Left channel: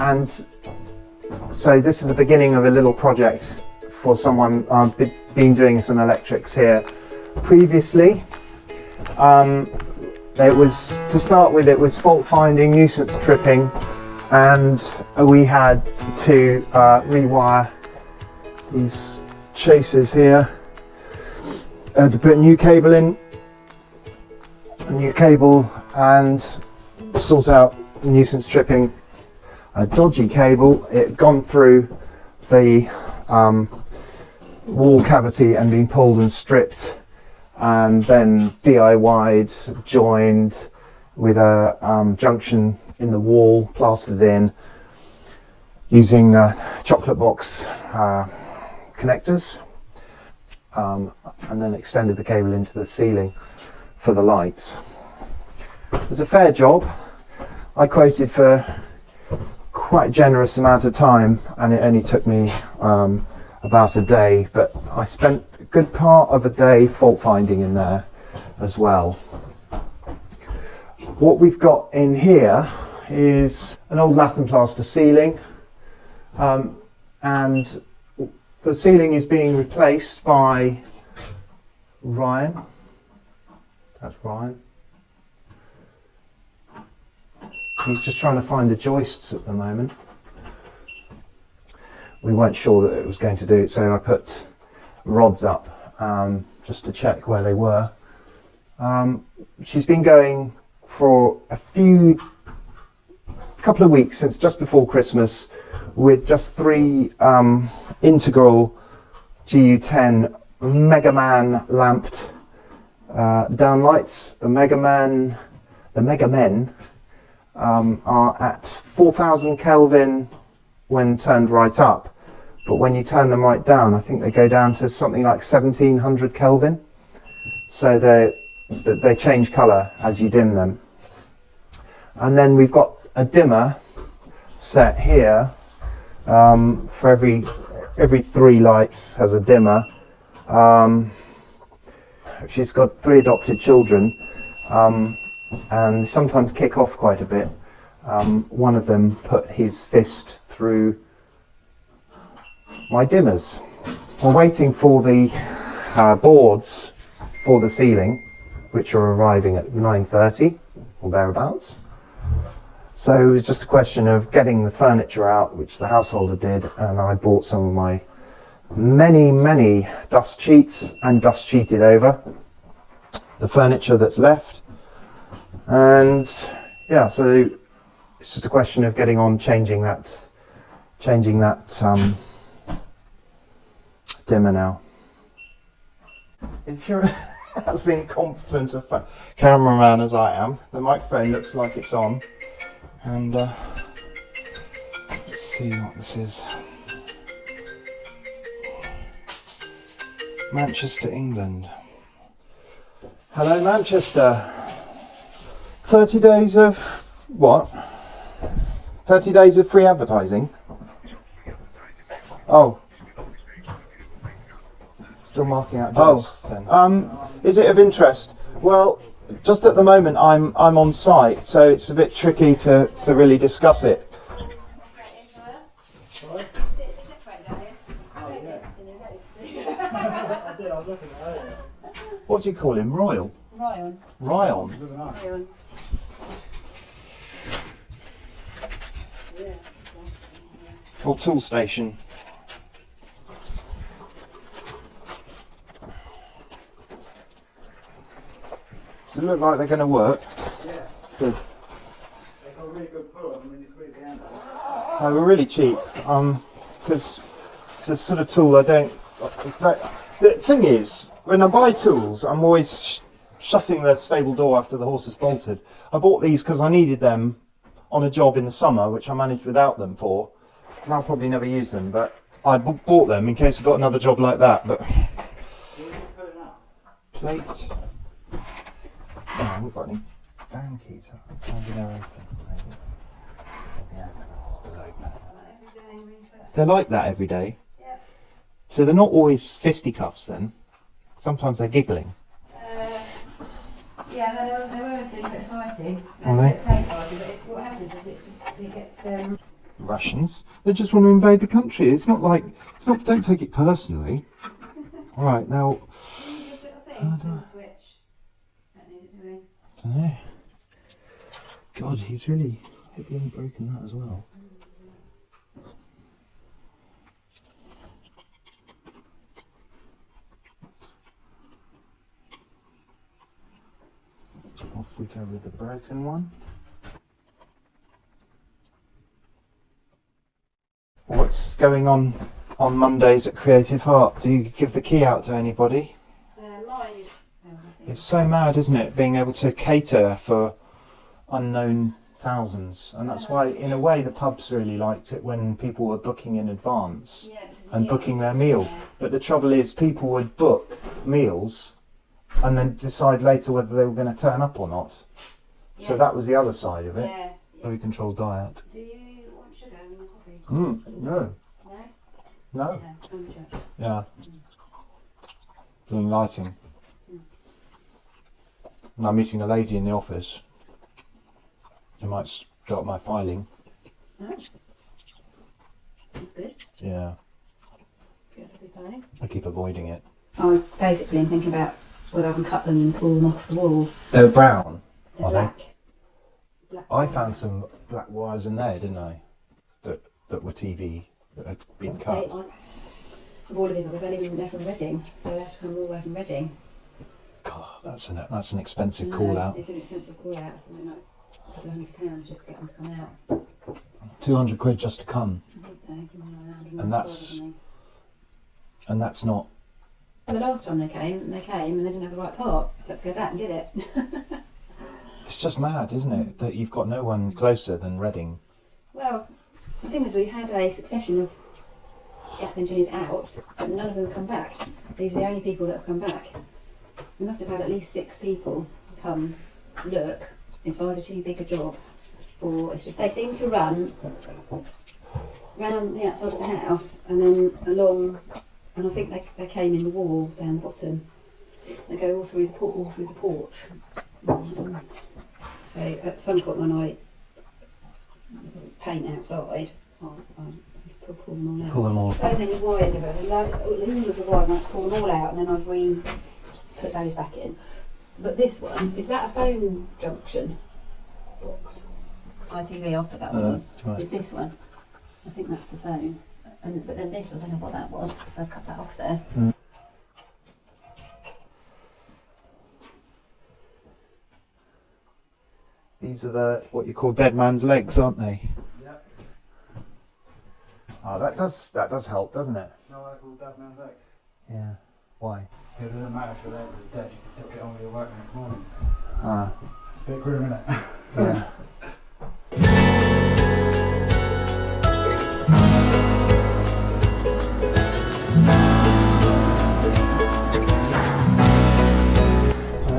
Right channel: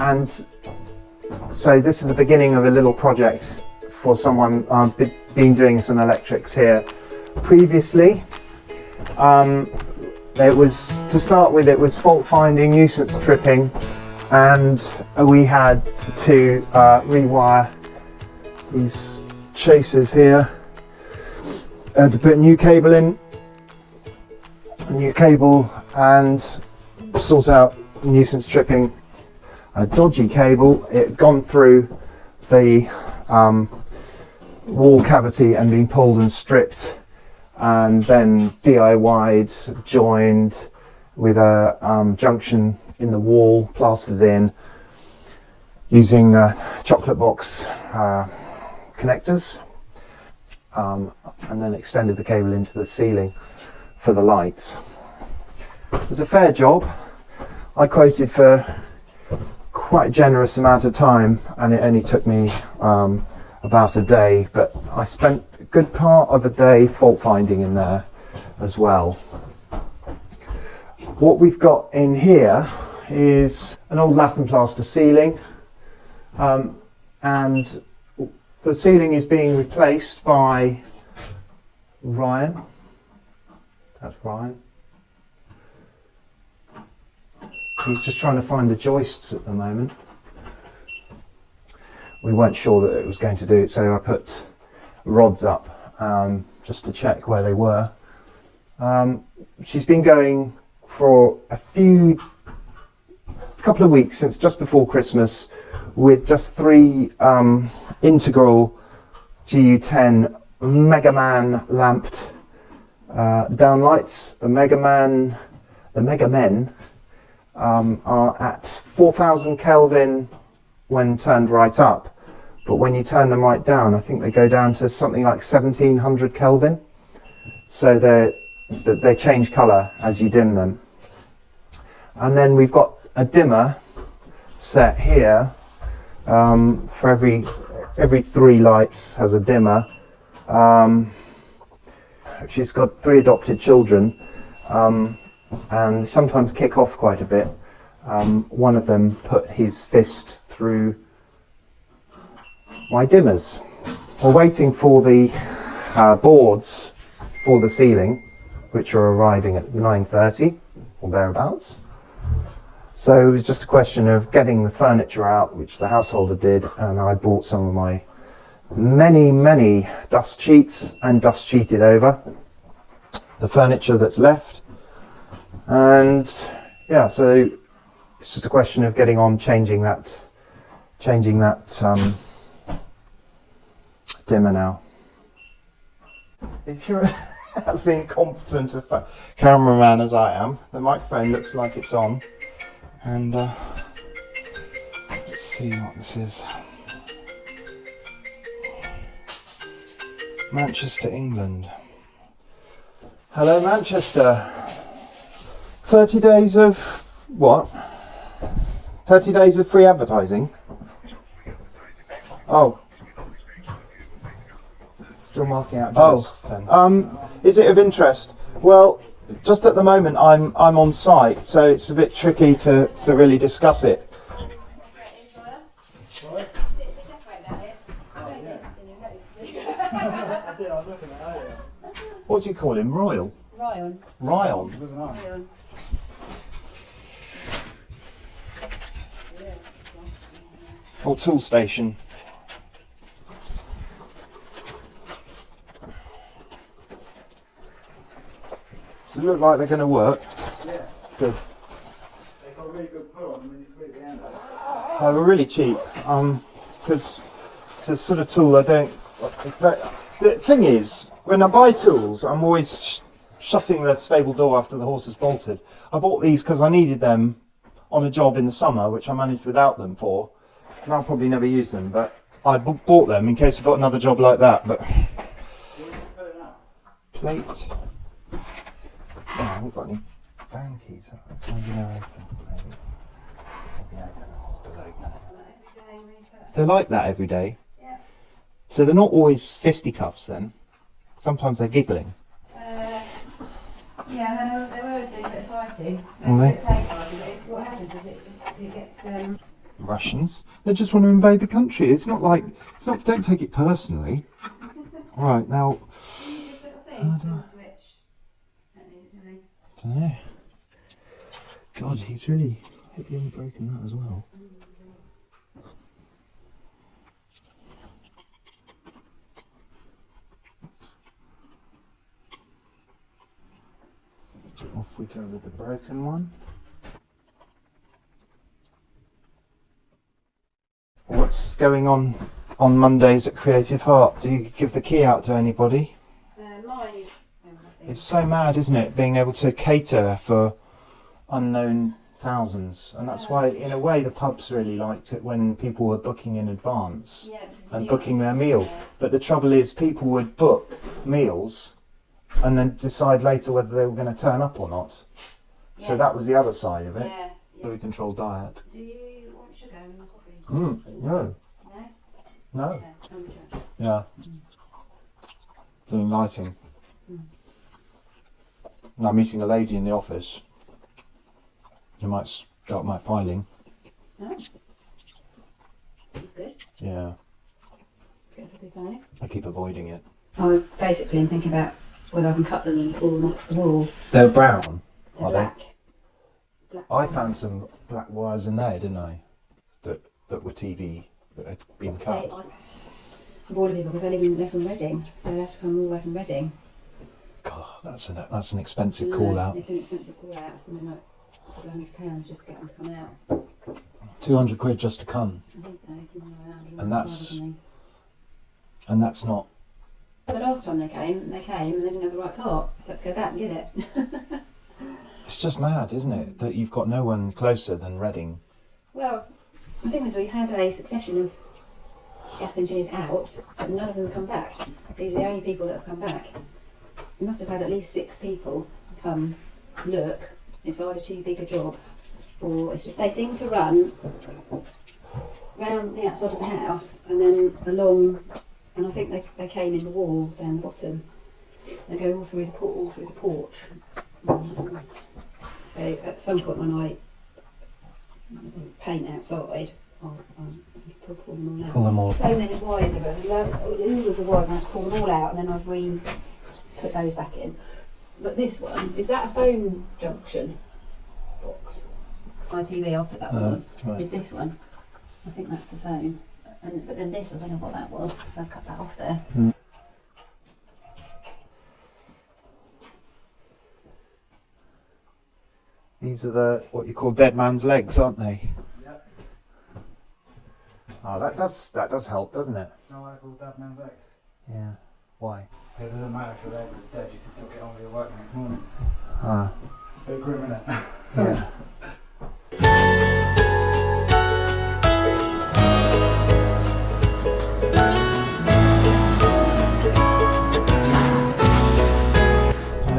And so this is the beginning of a little project for someone. I've been doing some electrics here previously. It was, to start with, it was fault finding, nuisance tripping, and we had to rewire these chasers here. To put a new cable in, a new cable, and sort out nuisance tripping. A dodgy cable, it had gone through the wall cavity and been pulled and stripped, and then DIY'd, joined with a junction in the wall, plastered in using chocolate box connectors, and then extended the cable into the ceiling for the lights. It was a fair job. I quoted for quite a generous amount of time, and it only took me about a day, but I spent a good part of a day fault finding in there as well. What we've got in here is an old lath and plaster ceiling, and the ceiling is being replaced by Ryan. That's Ryan. He's just trying to find the joists at the moment. We weren't sure that it was going to do it, so I put rods up just to check where they were. She's been going for a couple of weeks, since just before Christmas, with just 3 integral GU10 Mega Man lamped downlights. The Mega Men are at 4,000 Kelvin when turned right up, but when you turn them right down, I think they go down to something like 1,700 Kelvin. So they change colour as you dim them. And then we've got a dimmer set here. For every 3 lights has a dimmer. She's got 3 adopted children, and they sometimes kick off quite a bit. One of them put his fist through my dimmers. We're waiting for the boards for the ceiling, which are arriving at 9:30 or thereabouts. So it was just a question of getting the furniture out, which the householder did, and I bought some of my many dust sheets and dust sheeted over the furniture that's left. And yeah, so it's just a question of getting on, changing that dimmer now. If you're as incompetent a cameraman as I am, the microphone looks like it's on. And let's see what this is. Manchester, England. Hello, Manchester. 30 days of what? 30 days of free advertising? Oh. Still marking out jobs then. Is it of interest? Well, just at the moment I'm on site, so it's a bit tricky to really discuss it. What do you call him? Royal? Ryan. Ryan. Or tool station. Does it look like they're going to work? Yeah. Good. They got a really good pull on them when you squeeze it in. They were really cheap, because it's a sort of tool I don't... In fact, the thing is, when I buy tools, I'm always shutting the stable door after the horse is bolted. I bought these because I needed them on a job in the summer, which I managed without them for. And I'll probably never use them, but I bought them in case I got another job like that. But plate. Oh, I haven't got any van keys. Maybe they're open. Still open. They're like that every day. Yeah. So they're not always fisticuffs then. Sometimes they're giggling. Yeah, they were doing a bit of fighting. Are they? But it's, what happens is it gets Russians. They just want to invade the country. It's not like, it's not, don't take it personally. Right, now... dunno. God, he's really broken that as well. Off we go with the broken one. What's going on Mondays at Creative Heart? Do you give the key out to anybody? Mine. It's so mad, isn't it, being able to cater for unknown thousands, and that's why, in a way, the pubs really liked it when people were booking in advance and booking their meal. But the trouble is, people would book meals and then decide later whether they were going to turn up or not. So that was the other side of it. Very controlled diet. Do you want sugar in your coffee? No. No. Yeah. Doing lighting. And I'm meeting a lady in the office. I might start my filing. Oh. That's good. Yeah. Good for the filing. I keep avoiding it. I basically am thinking about whether I can cut them and pull them off the wall. They're brown, They're are black. they? I found some black wires in there, didn't I? That were TV that had been cut. Of all of people, because I live they're from Reading, so I have to come all the way from Reading. God, that's an expensive call out. It's an expensive call out, something like a couple of £100 just to get them to come out. 200 quid just to come. I think so, something around. And that's not. The last time they came and they didn't have the right part, so I had to go back and get it. It's just mad, isn't it, that you've got no one closer than Reading. Well, the thing is, we had a succession of gas engineers out, but none of them come back. These are the only people that have come back. We must have had at least 6 people come look. It's either too big a job, or it's just they seem to run round the outside of the house and then along. And I think they came in the wall down the bottom. They go all through the porch. So at some point when I paint outside, I'll pull them all out. Pull them all. So many wires of it, oodles of wires, and I have to pull them all out, and then I've put those back in. But this one, is that a phone junction box? ITV, I'll put that one. Right. Is this one? I think that's the phone. But then this, I don't know what that was. I'll cut that off there. These are what you call dead man's legs, aren't they? Yep. Oh, that does help, doesn't it? No, I call dead man's leg. Yeah. Why? It doesn't matter if your leg is dead, you can still get on with your work next morning. Ah. Bit grim, innit? Yeah.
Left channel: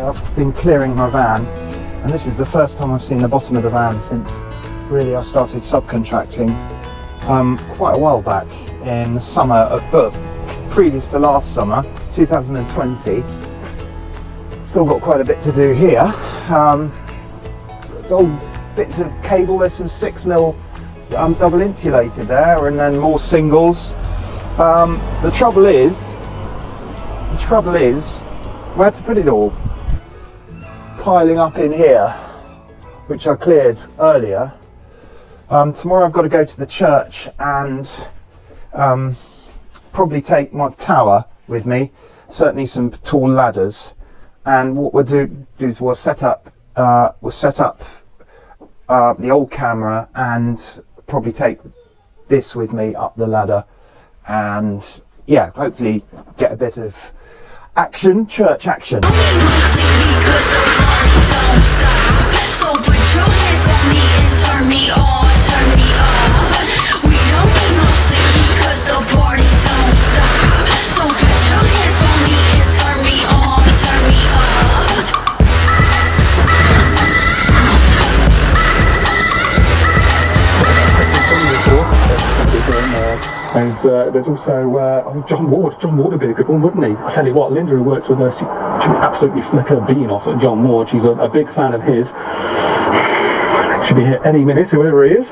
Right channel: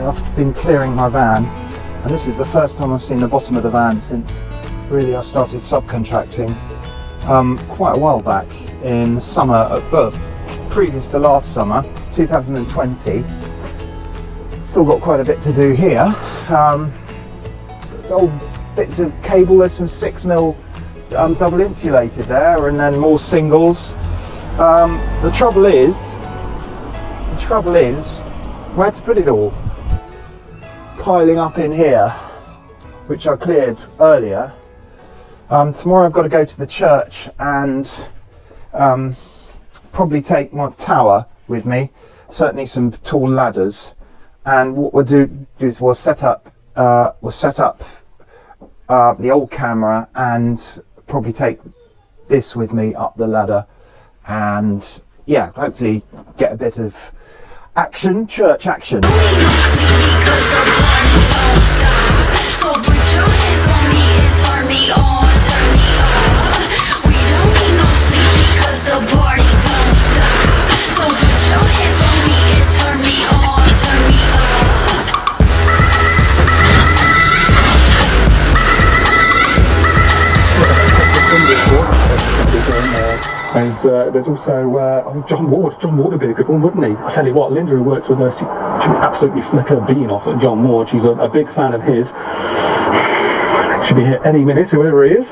I've been clearing my van, and this is the first time I've seen the bottom of the van since really I started subcontracting quite a while back in the summer, previous to last summer, 2020. Still got quite a bit to do here. There's old bits of cable, there's some 6mm double insulated there, and then more singles. The trouble is, where to put it all? Piling up in here, which I cleared earlier. Tomorrow I've got to go to the church and probably take my tower with me, certainly some tall ladders, and what we'll do is we'll set up the old camera and probably take this with me up the ladder, and yeah, hopefully get a bit of action, church action. There's also John Ward. John Ward would be a good one, wouldn't he? I tell you what, Linda, who works with us, she would absolutely flick her bean off at John Ward. She's a big fan of his. Should be here any minute, whoever he is.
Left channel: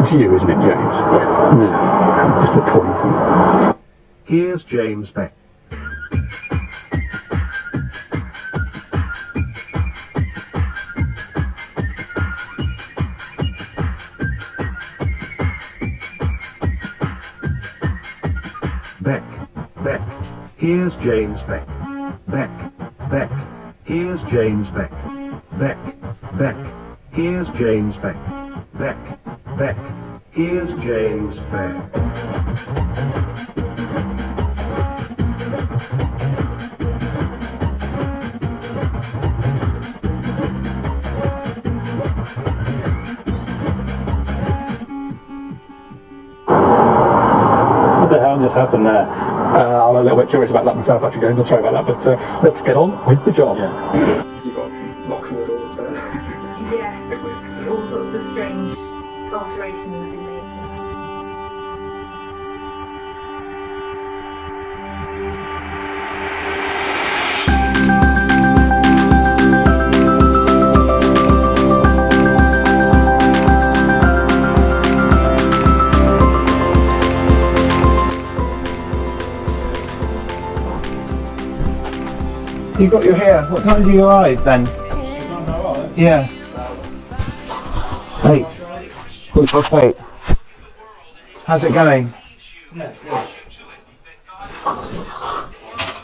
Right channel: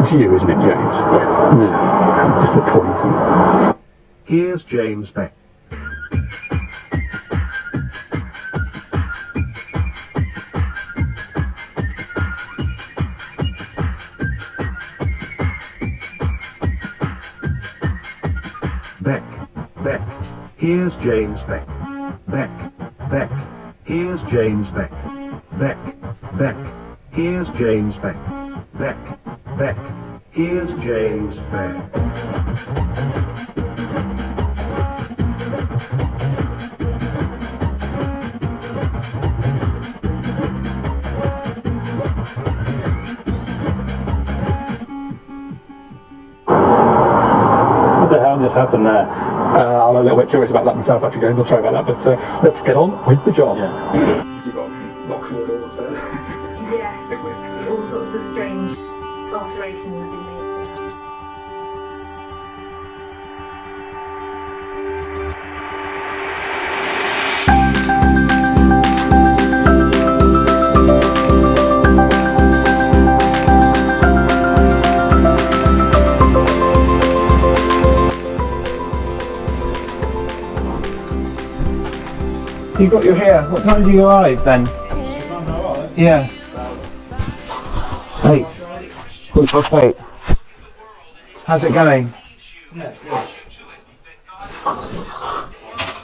It's you, isn't it, James? No, how disappointing. Here's James Beck. Beck. Here's James Beck. Beck. Here's James Beck. Beck. Here's James Beck. Beck. Here's James Beck. What the hell just happened there? I'm a little bit curious about that myself, actually, going. Sorry about that, but let's get on with the job. Yeah. You've got locks on the doors there. Yes, all sorts of strange alterations have been made to it. You got your hair. What time do you arrive then? Yeah. 8. 8. How's it going? Yeah, it's good.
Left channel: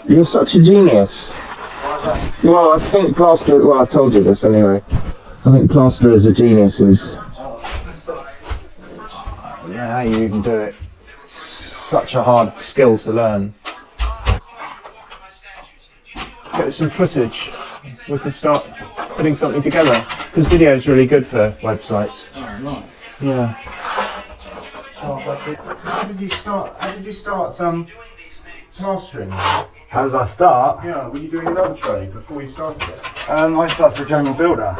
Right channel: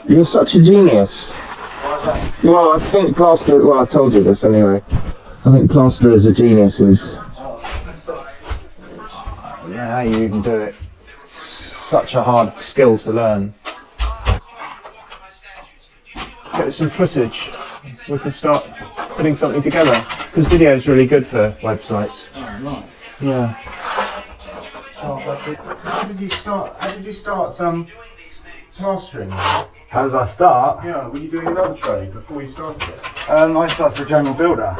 You're such a genius. Well, I think plaster. Well, I told you this anyway. I think plasterers are geniuses. Yeah, how you even do it? It's such a hard skill to learn. Get some footage. We can start putting something together because video is really good for websites. Oh, right. Yeah. How did you start plastering? How did I start? Yeah, were you doing another trade before you started it? I started a general builder.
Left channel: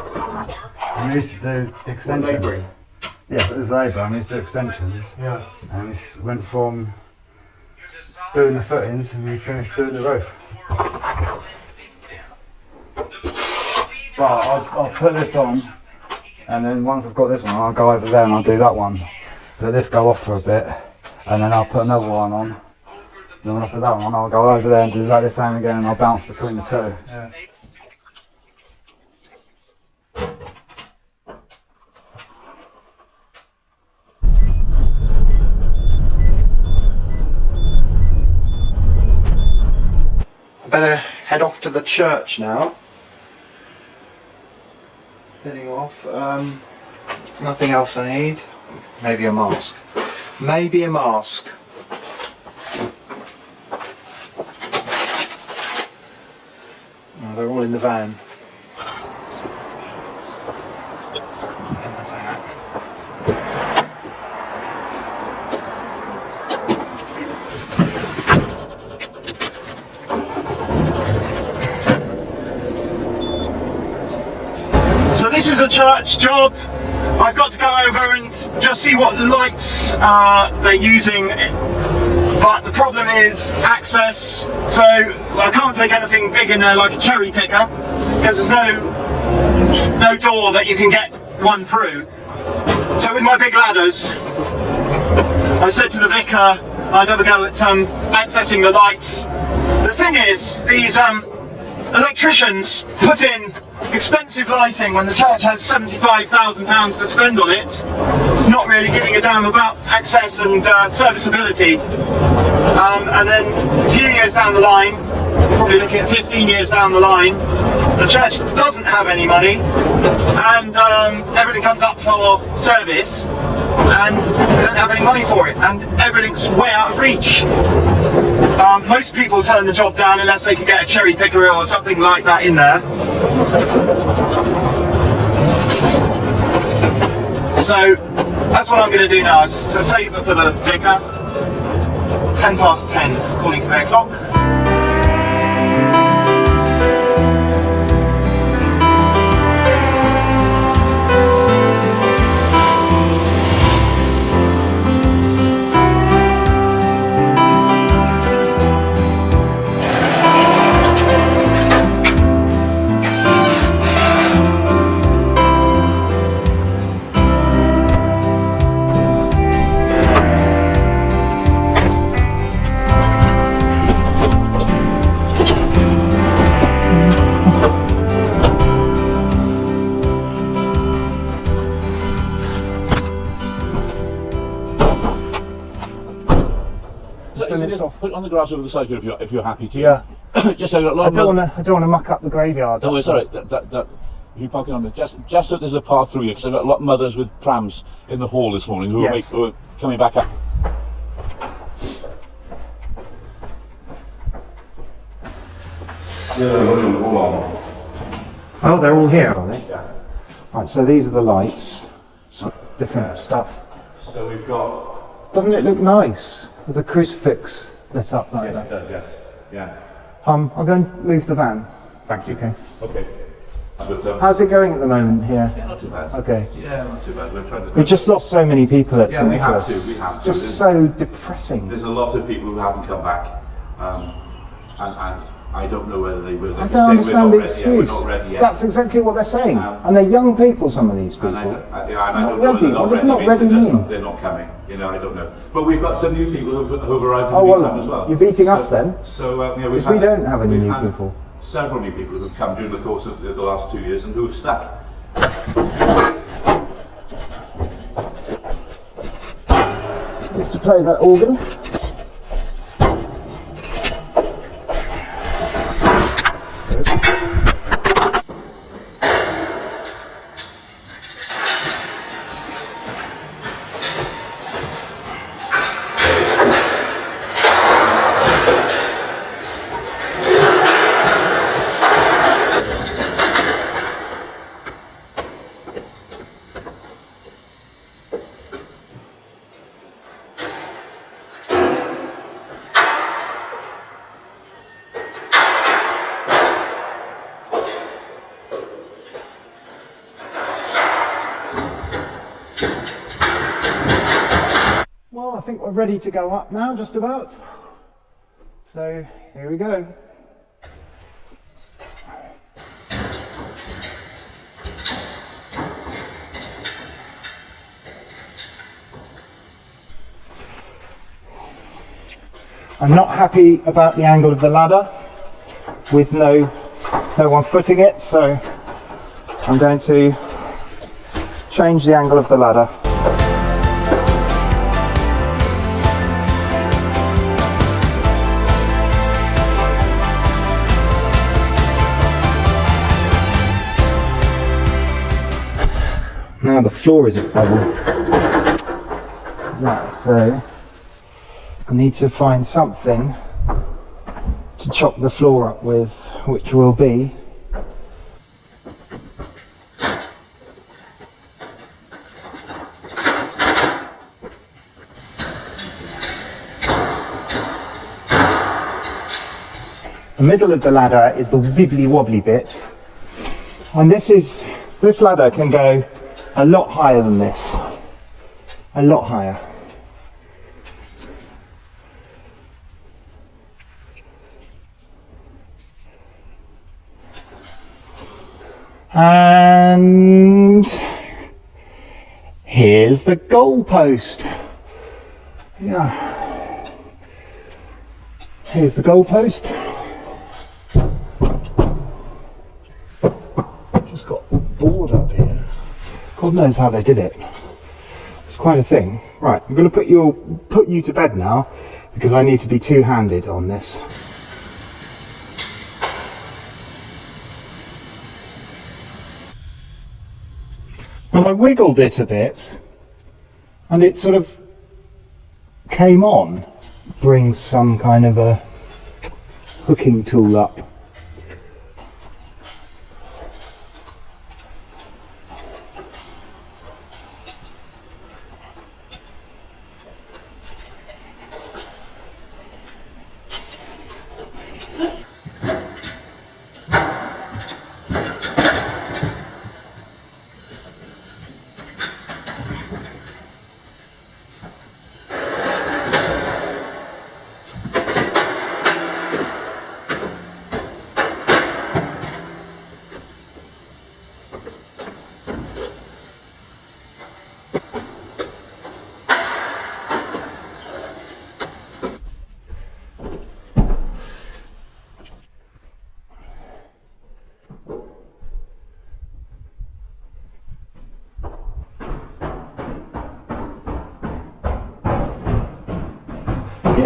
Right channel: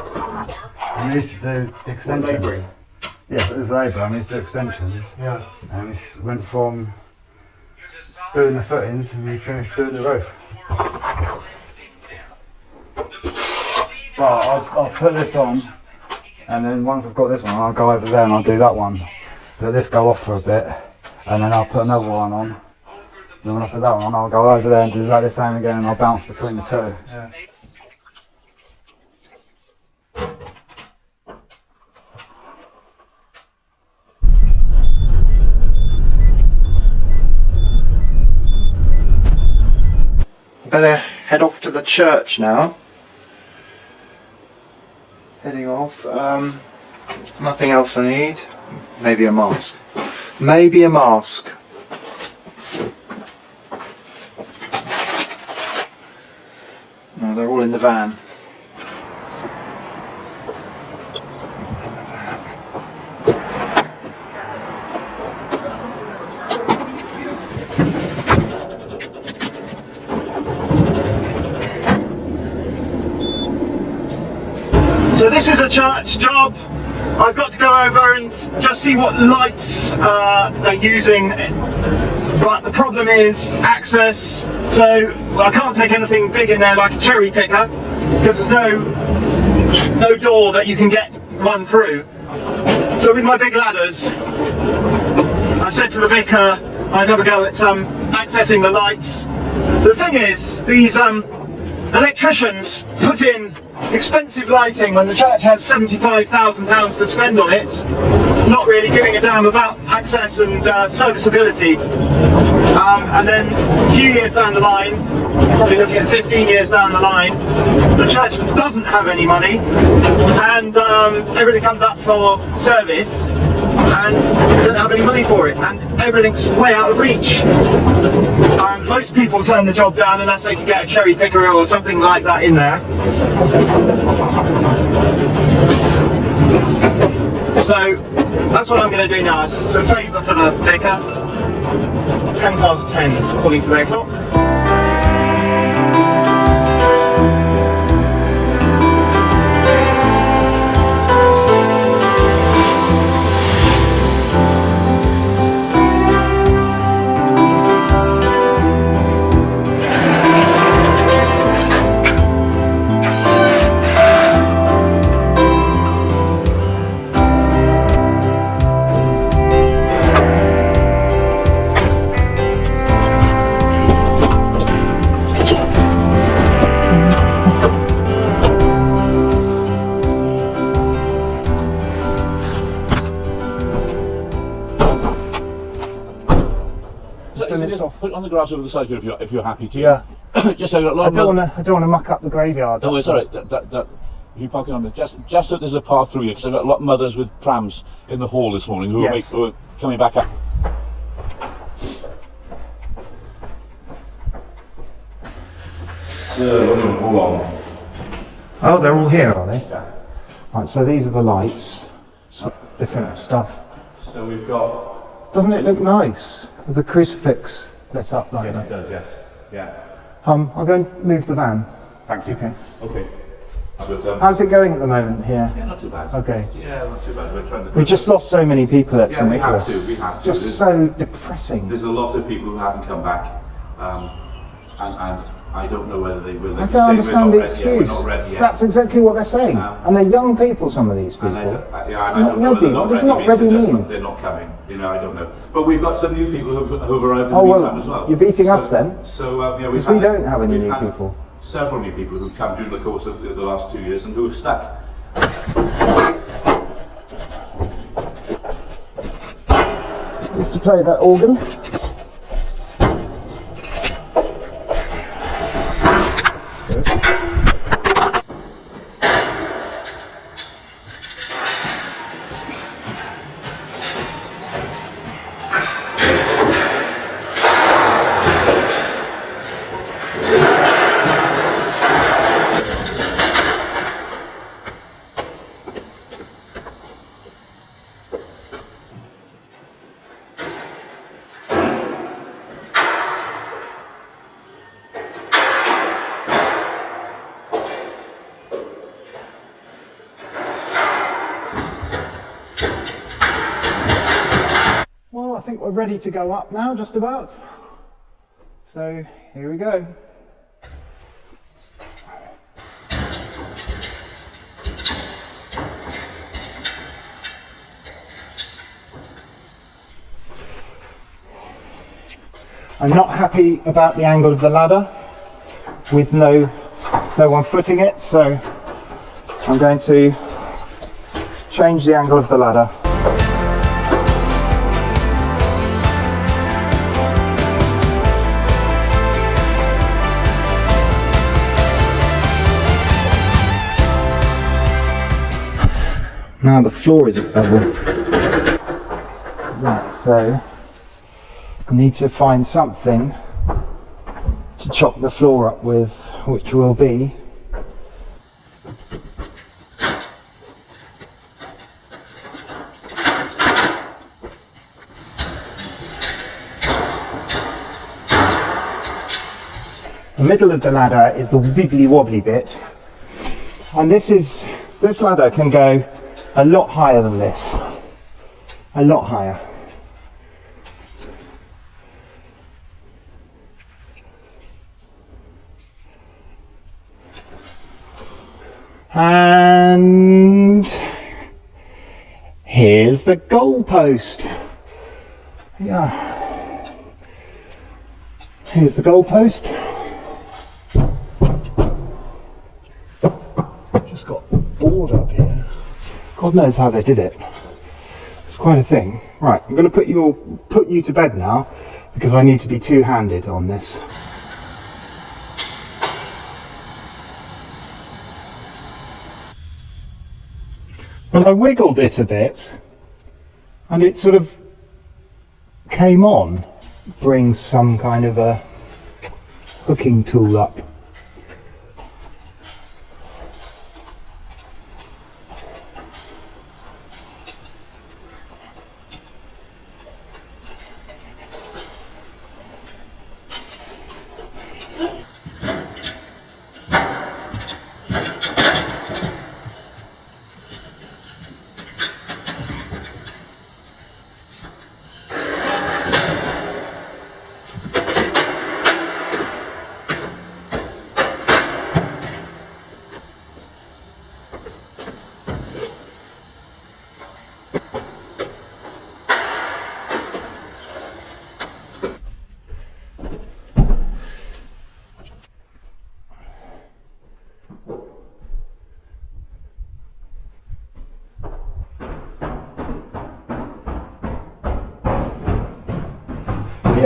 I used to do extensions. Labouring? Yeah, it was labour. I used to do extensions. Yeah. And we went from doing the footings and we finished doing the roof. But I'll put this on, and then once I've got this one, I'll go over there and I'll do that one. Let this go off for a bit, and then I'll put another one on. And then when I put that one on, I'll go over there and do exactly the same again, and I'll bounce between the two. Yeah. Better head off to the church now. Heading off. Nothing else I need. Maybe a mask. Maybe a mask. No, they're all in the van. So this is a church job. I've got to go over and just see what lights they're using, but the problem is access. So I can't take anything big in there like a cherry picker because there's no door that you can get one through. So with my big ladders, I said to the vicar I'd have a go at accessing the lights. The thing is, these electricians put in expensive lighting when the church has £75,000 to spend on it, not really giving a damn about access and serviceability. And then a few years down the line, probably looking at 15 years down the line, the church doesn't have any money and everything comes up for service and they don't have any money for it and everything's way out of reach. Most people turn the job down unless they can get a cherry picker or something like that in there. So that's what I'm going to do now. It's a favour for the vicar. 10:10 according to their clock. bits off. Put it on the grass over the side here if you're happy to. Yeah. Just so I've got a lot I of don't mud- want to muck up the graveyard. Oh, that's it's alright. That if you park it on there, just so there's a path through here, because I've got a lot of mothers with prams in the hall this morning who, Yes. who are coming back up. So, hold on. Oh, they're all here, are they? Yeah. Right, so these are the lights. So different stuff. So we've got. Doesn't it look nice with the crucifix lit up like Yes, it that? does. Yes. Yeah. I'll go and move the van. Thank you. Okay. Okay. That's good. So. How's it going at the moment here? Yeah, not too bad. Okay. Yeah, not too bad. We're trying to. We just lost so many people at Yeah, St we have Nicholas. to. We have to. Just so depressing. There's a lot of people who haven't come back, and I don't know whether they will. They I can don't say, understand "We're the not ready yet, excuse. we're not ready yet." That's exactly what they're saying. And they're young people, some of these people. And I They're don't not know ready. whether What does not means ready mean? they're not coming. You know, I don't know. But we've got some new people who've arrived in Oh, the well, meantime as well. you're beating us then. So, you know, Because we don't have any we've new had people. Several new people who've come during the course of the last 2 years and who have stuck. Just to play that organ. Well, I think we're ready to go up now, just about. So, here we go. I'm not happy about the angle of the ladder with no one footing it, so I'm going to change the angle of the ladder. Now the floor is level. Right, so I need to find something to chop the floor up with, which will be the middle of the ladder is the wibbly wobbly bit, and this ladder can go a lot higher than this, a lot higher. And here's the goalpost. Yeah. Here's the goalpost. Just got bored up here. God knows how they did it. It's quite a thing. Right, I'm going to put you to bed now because I need to be two-handed on this. Well, I wiggled it a bit and it sort of came on. Brings some kind of a hooking tool up.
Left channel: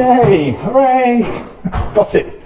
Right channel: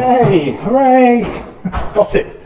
Yay! Hooray! Got it!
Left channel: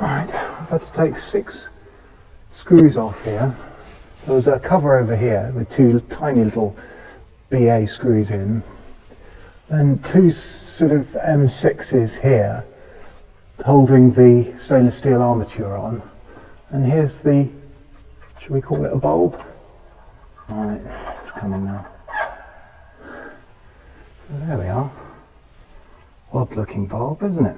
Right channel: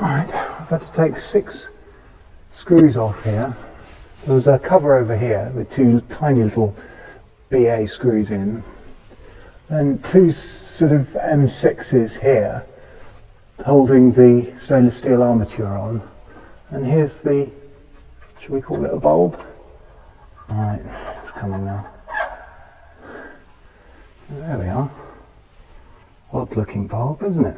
Right, I've had to take 6 screws off here. There was a cover over here with 2 tiny little BA screws in, and 2 sort of M6s here holding the stainless steel armature on. And here's the, should we call it a bulb? Right, it's coming now. So there we are. Odd looking bulb, isn't it?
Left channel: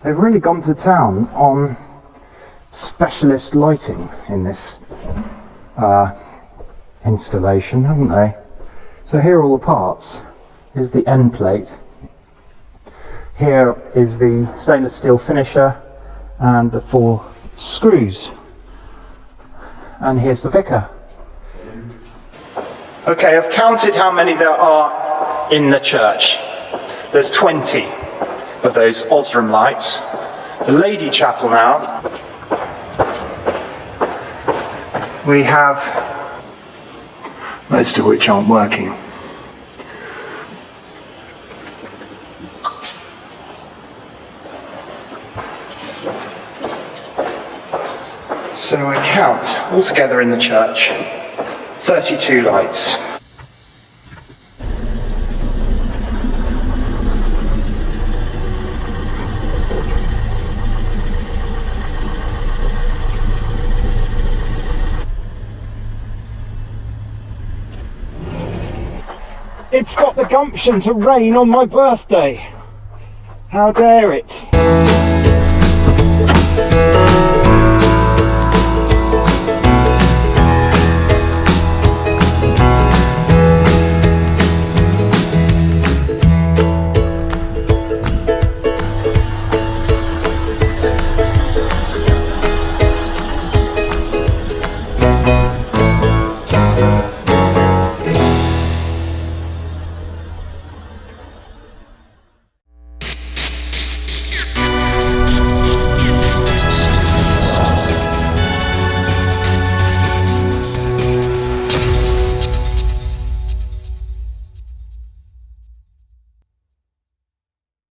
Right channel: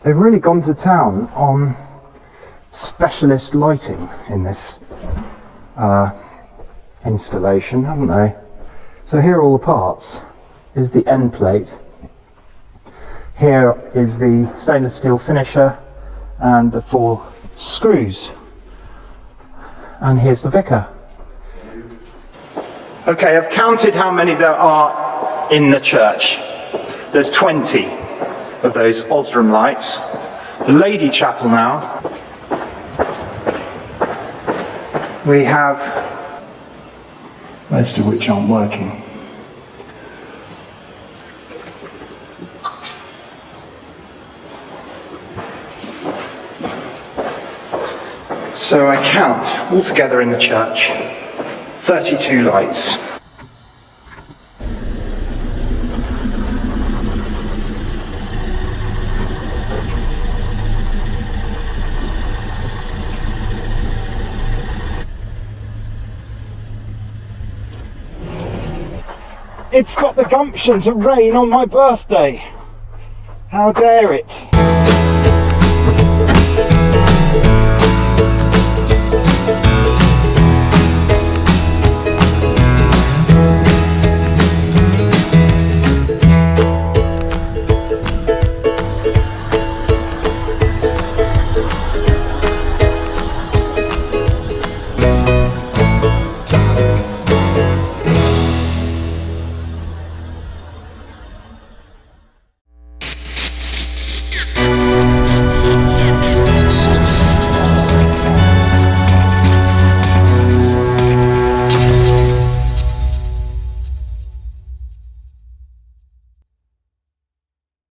They've really gone to town on specialist lighting in this installation, haven't they? So here are all the parts. Here's the end plate. Here is the stainless steel finisher and the 4 screws. And here's the vicar. Okay, I've counted how many there are in the church. There's 20 of those Osram lights. The Lady Chapel now, we have most of which aren't working. So I count altogether in the church 32 lights. It's got the gumption to rain on my birthday. How dare it?